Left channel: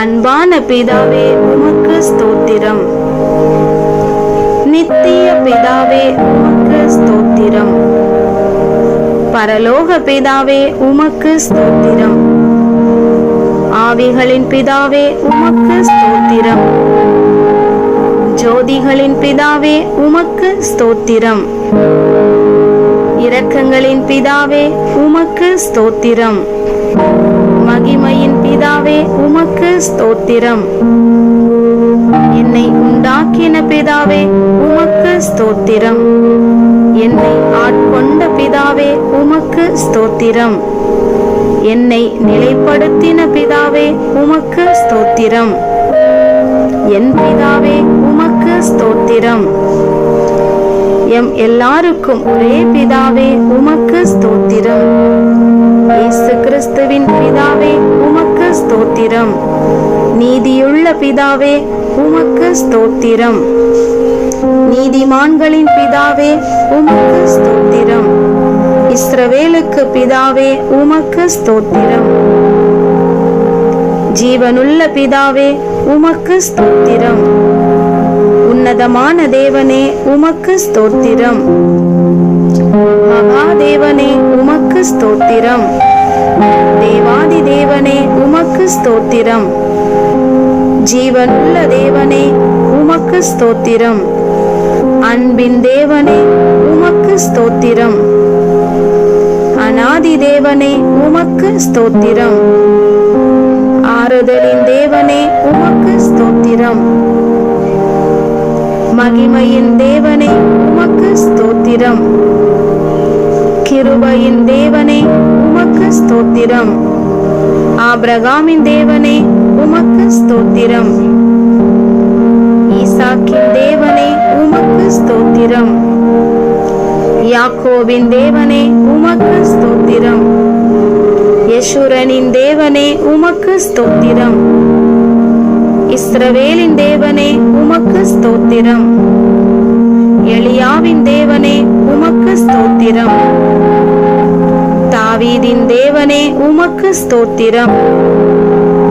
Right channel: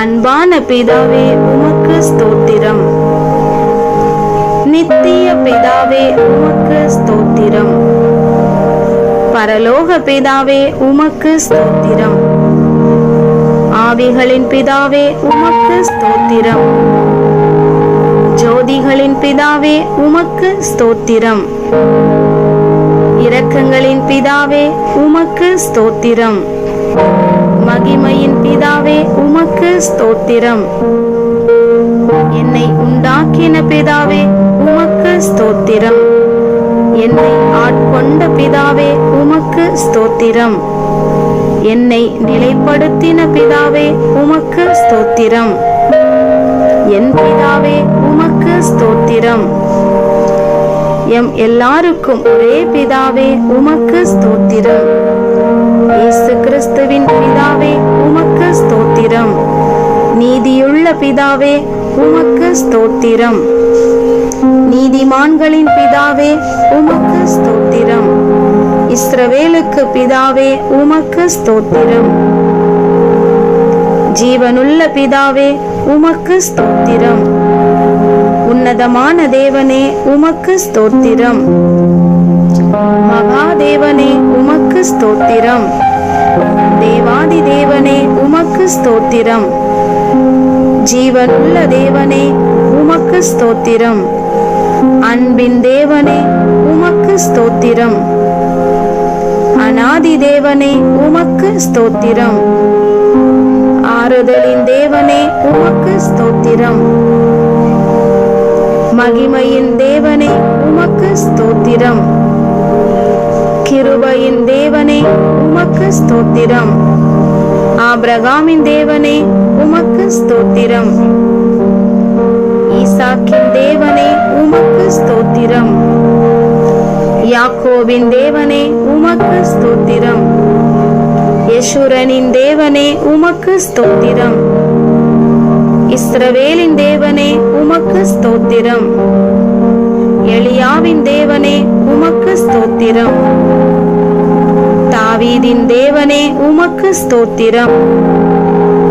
அன்பான பிதாவே உமக்கு ஸ்தோத்திரம். நித்திய பிதாவே உமக்கு ஸ்தோத்திரம். பரலோக பிதாவே உமக்கு ஸ்தோத்திரம். ஆவிகளின் பிதாவே உமக்கு ஸ்தோத்திரம். ஜோதிகளின் பிதாவே உமக்கு ஸ்தோத்திரம். இரக்கங்களின் பிதாவே உமக்கு ஸ்தோத்திரம். மகிமையின் பிதாவே உமக்கு ஸ்தோத்திரம். என்னை உண்டாக்கின பிதாவே உமக்கு ஸ்தோத்திரம். என்னை ஆட்கொண்ட பிதாவே உமக்கு ஸ்தோத்திரம். என்னை நிலைப்படுத்தின பிதாவே உமக்கு ஸ்தோத்திரம். என் பிதாவே உமக்கு ஸ்தோத்திரம். எம் எல்லாருக்கும் ஒரே பிதாவே உமக்கு ஸ்தோத்திரம். இயேசு கிறிஸ்துவின் பிதாவே உமக்கு ஸ்தோத்திரம். நீதியுள்ள பிதாவே உமக்கு ஸ்தோத்திரம். நீதிமான்களின் பிதாவே உமக்கு ஸ்தோத்திரம். இஸ்ரவேலுக்கு பிதாவே உமக்கு ஸ்தோத்திரம். ஜீவனுள்ள பிதாவே உமக்கு ஸ்தோத்திரம். உன்னதமான தேவனே உமக்கு ஸ்தோத்திரம். மகாதேவனே உமக்கு ஸ்தோத்திரம். தேவாதி தேவனே உமக்கு ஸ்தோத்திரம். ஜீவனுள்ள தேவனே உமக்கு ஸ்தோத்திரம். அன்பின் தேவனே உமக்கு ஸ்தோத்திரம். அநாதி தேவனே உமக்கு ஸ்தோத்திரம். ஆறுதலின் தேவனே உமக்கு ஸ்தோத்திரம். மகிமையின் தேவனே உமக்கு ஸ்தோத்திரம். கிருபையின் தேவனே உமக்கு ஸ்தோத்திரம். ஆபிரகாமின் தேவனே உமக்கு ஸ்தோத்திரம். ஈசாக்கின் தேவனே உமக்கு ஸ்தோத்திரம். யாக்கோபின் தேவனே உமக்கு ஸ்தோத்திரம். யெஷுரனின் தேவனே உமக்கு ஸ்தோத்திரம். இஸ்ரவேலின் தேவனே உமக்கு ஸ்தோத்திரம். எலியாவின் தேவனே உமக்கு ஸ்தோத்திரம். தாவீதின் தேவனே உமக்கு ஸ்தோத்திரம்.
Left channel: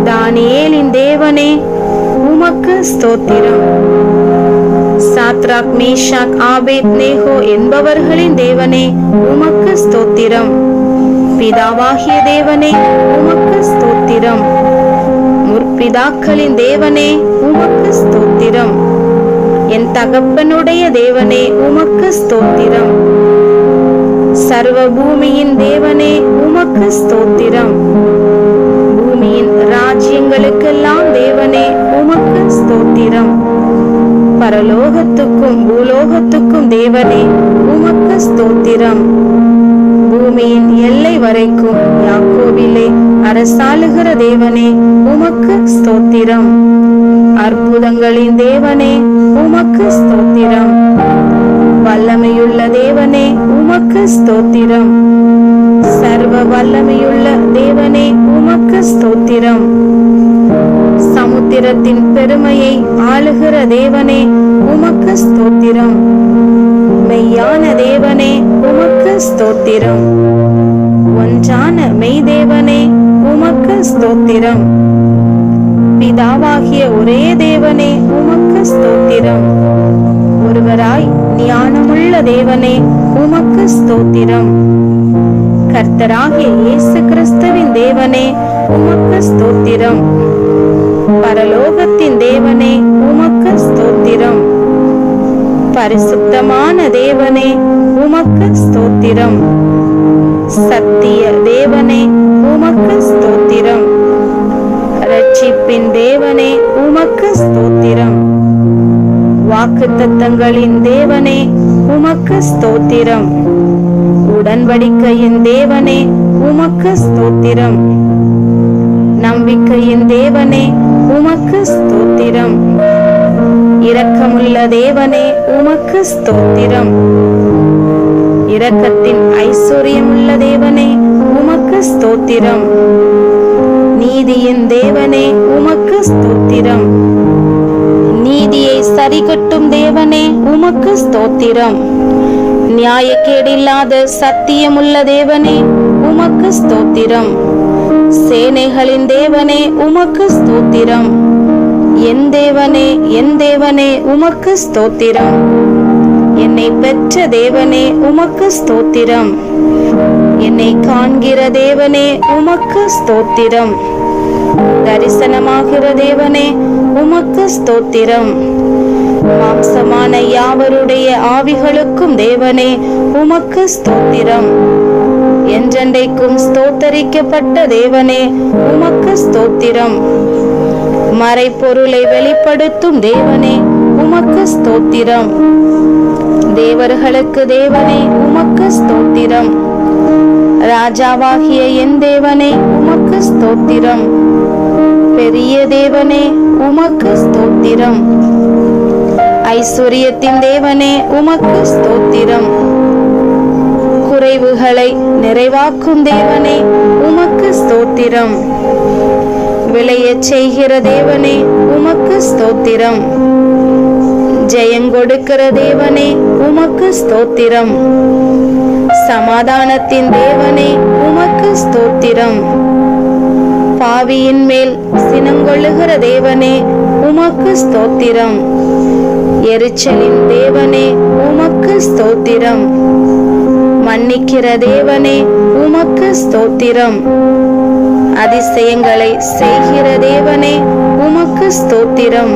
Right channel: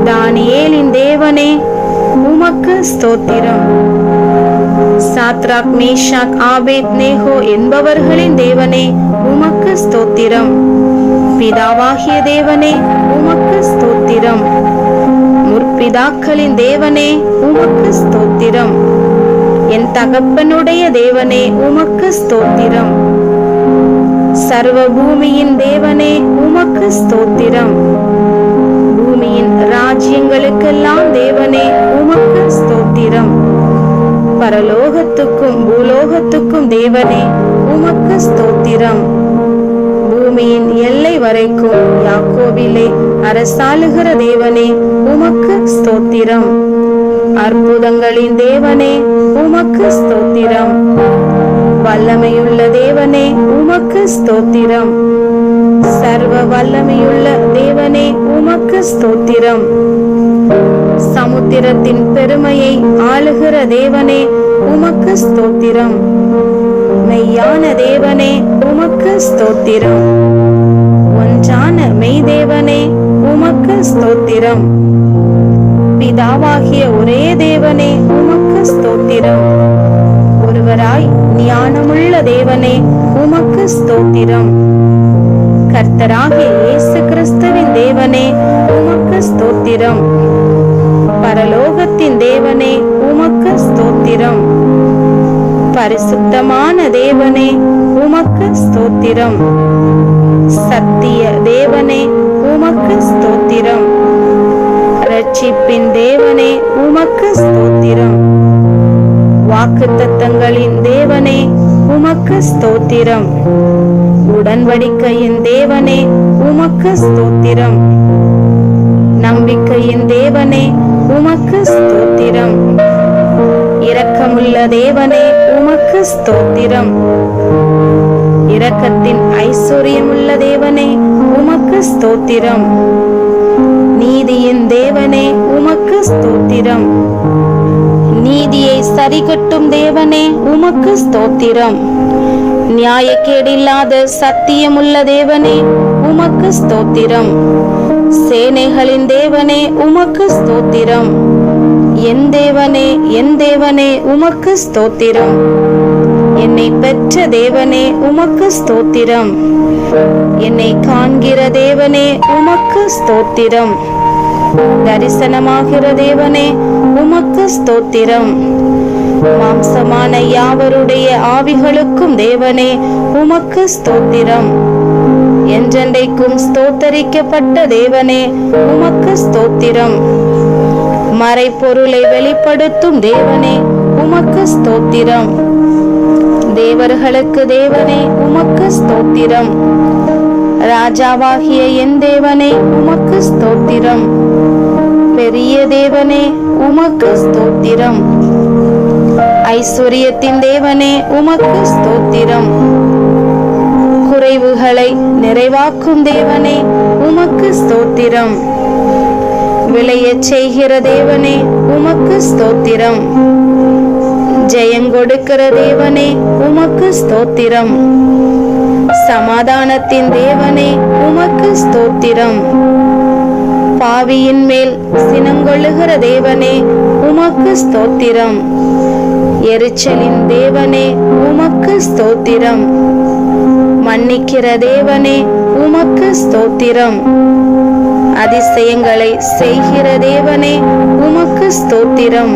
தானியேலின் தேவனே உமக்கு ஸ்தோத்திரம். சாத்ராக், மேஷாக், ஆபேத்நேகோ என்பவர்களின் தேவனே உமக்கு ஸ்தோத்திரம். பிதாவாகிய தேவனே உமக்கு ஸ்தோத்திரம். முற்பிதாக்களின் தேவனே உமக்கு ஸ்தோத்திரம். என் தகப்பனுடைய தேவனே உமக்கு ஸ்தோத்திரம். சர்வ பூமியின் தேவனே உமக்கு ஸ்தோத்திரம். பூமியின் ராஜ்யங்களுக்கெல்லாம் தேவனே உமக்கு ஸ்தோத்திரம். பரலோகத்துக்கும் பூலோகத்துக்கும் தேவனே உமக்கு ஸ்தோத்திரம். பூமியின் எல்லை வரைக்கும் யாக்கோபிலே அரசாளுகிற தேவனே உமக்கு ஸ்தோத்திரம். அற்புதங்களின் தேவனே உமக்கு ஸ்தோத்திரம். வல்லமையுள்ள தேவனே உமக்கு ஸ்தோத்திரம். சர்வ வல்லமையுள்ள தேவனே உமக்கு ஸ்தோத்திரம். சமுத்திரத்தின் பெருமையை ஆளுகிற தேவனே உமக்கு ஸ்தோத்திரம். மெய்யான தேவனே உமக்கு ஸ்தோத்திரம். ஒன்றான மெய் தேவனே உமக்கு ஸ்தோத்திரம். பிதாவாகிய ஒரே தேவனே உமக்கு ஸ்தோத்திரம். ஒருவராய் ஞானமுள்ள தேவனே உமக்கு ஸ்தோத்திரம். கர்த்தராகிய இயேசு கிறிஸ்துவின் தேவனே உமக்கு ஸ்தோத்திரம். பரலோகத்தின் தேவனே உமக்கு ஸ்தோத்திரம். பரிசுத்தமான தேவனே உமக்கு ஸ்தோத்திரம். சத்திய தேவனே உமக்கு ஸ்தோத்திரம். இரட்சிப்பின் தேவனே உமக்கு ஸ்தோத்திரம். வாக்குத்தத்தங்களின் தேவனே உமக்கு ஸ்தோத்திரம். உடன்படிக்கையின் தேவனே உமக்கு ஸ்தோத்திரம். நம்பிக்கையின் தேவனே உமக்கு ஸ்தோத்திரம். இரக்கமுள்ள தேவனே உமக்கு ஸ்தோத்திரம். இரக்கத்தின் ஐஸ்வர்யமுள்ள தேவனே உமக்கு ஸ்தோத்திரம். நீதியின் தேவனே உமக்கு ஸ்தோத்திரம். நீதியை சரிகட்டும் தேவனே உமக்கு ஸ்தோத்திரம். நியாயக்கேடில்லாத சத்தியமுள்ள தேவனே உமக்கு ஸ்தோத்திரம். சேனைகளின் தேவனே உமக்கு ஸ்தோத்திரம். என் தேவனே, என் தேவனே உமக்கு ஸ்தோத்திரம். என்னை பெற்ற தேவனே உமக்கு ஸ்தோத்திரம். என்னை காண்கிற தேவனே உமக்கு ஸ்தோத்திரம். தரிசனமாகிற தேவனே உமக்கு ஸ்தோத்திரம். மாம்சமான யாவருடைய ஆவிகளுக்கும் தேவனே உமக்கு ஸ்தோத்திரம். என்றென்றைக்கும் ஸ்தோத்தரிக்கப்பட்ட தேவனே உமக்கு ஸ்தோத்திரம். மறைபொருளை வெளிப்படுத்தும் தேவனே உமக்கு ஸ்தோத்திரம். தேவர்களுக்கு தேவனே உமக்கு ஸ்தோத்திரம். ராஜாவாகிய என் தேவனே உமக்கு ஸ்தோத்திரம். பெரிய தேவனே உமக்கு ஸ்தோத்திரம். ஐஸ்வர்யத்தின் தேவனே உமக்கு ஸ்தோத்திரம். குறைவுகளை நிறைவாக்கும் தேவனே உமக்கு ஸ்தோத்திரம். விளையச் செய்கிற தேவனே உமக்கு ஸ்தோத்திரம். ஜெயங்கொடுக்கிற தேவனே உமக்கு ஸ்தோத்திரம். சமாதானத்தின் தேவனே உமக்கு ஸ்தோத்திரம். பாவியின் மேல் சினங்கொள்ளுகிற தேவனே உமக்கு ஸ்தோத்திரம். எரிச்சலின் தேவனே உமக்கு ஸ்தோத்திரம். மன்னிக்கிற தேவனே உமக்கு ஸ்தோத்திரம். அதிசயங்களை செய்கிற தேவனே உமக்கு ஸ்தோத்திரம்.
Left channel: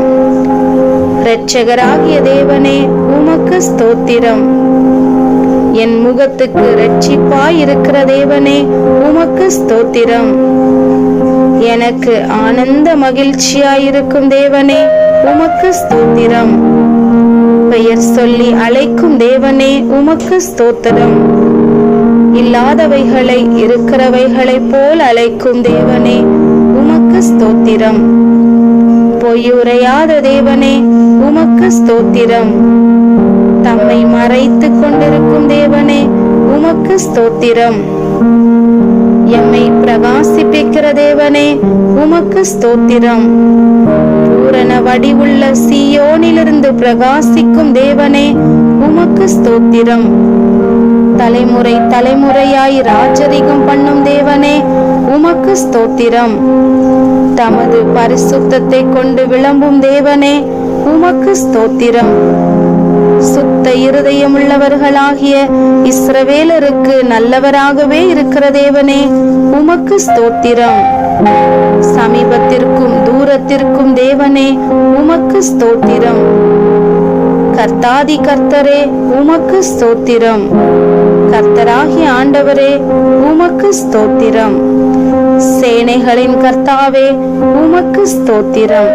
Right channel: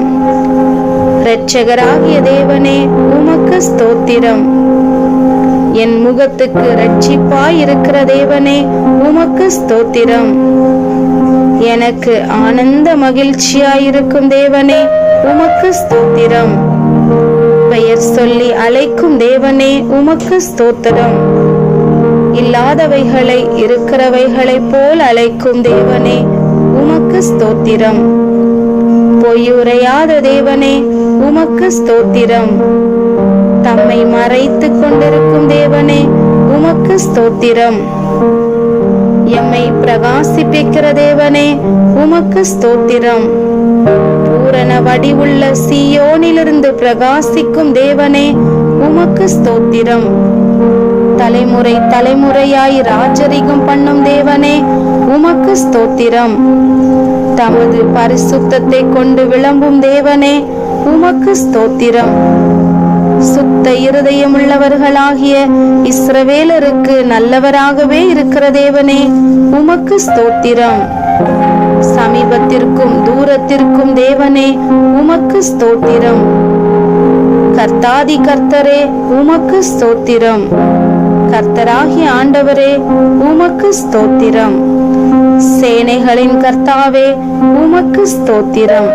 இரட்சகராகிய தேவனே உமக்கு ஸ்தோத்திரம். என் முகத்துக்கு இரட்சிப்பாயிருக்கிற தேவனே உமக்கு ஸ்தோத்திரம். எனக்கு ஆனந்த மகிழ்ச்சியாயிருக்கும் தேவனே உமக்கு ஸ்தோத்திரம். பெயர் சொல்லி அழைக்கும் தேவனே உமக்கு ஸ்தோத்திரம். இல்லாதவைகளை இருக்கிறவைகளைப் போல் அழைக்கும் தேவனே உமக்கு ஸ்தோத்திரம். பொய்யுரையாத தேவனே உமக்கு ஸ்தோத்திரம். தம்மை மறைத்து கொண்டிருக்கும் தேவனே உமக்கு ஸ்தோத்திரம். எம்மை பிரகாசிப்பிக்கிற தேவனே உமக்கு ஸ்தோத்திரம். பூரண வடிவுள்ள சீயோனிலிருந்து பிரகாசிக்கும் தேவனே உமக்கு ஸ்தோத்திரம். தலைமுறை தலைமுறையாய் ராஜரிகம் பண்ணும் தேவனே உமக்கு ஸ்தோத்திரம். தமது பரிசுத்தத்தை கொண்டு விளம்பும் தேவனே உமக்கு ஸ்தோத்திரம். சுத்த இருதயமுள்ளவர்களாகிய இஸ்ரவேலருக்கு நல்லவராகவே இருக்கிற தேவனே உமக்கு ஸ்தோத்திரம். சமீபத்திற்கும் தூரத்திற்கும் தேவனே உமக்கு ஸ்தோத்திரம். கர்த்தாதி கர்த்தரே உமக்கு ஸ்தோத்திரம். கர்த்தராகிய ஆண்டவரே உமக்கு ஸ்தோத்திரம். சேனைகளின் கர்த்தாவே உமக்கு ஸ்தோத்திரம்.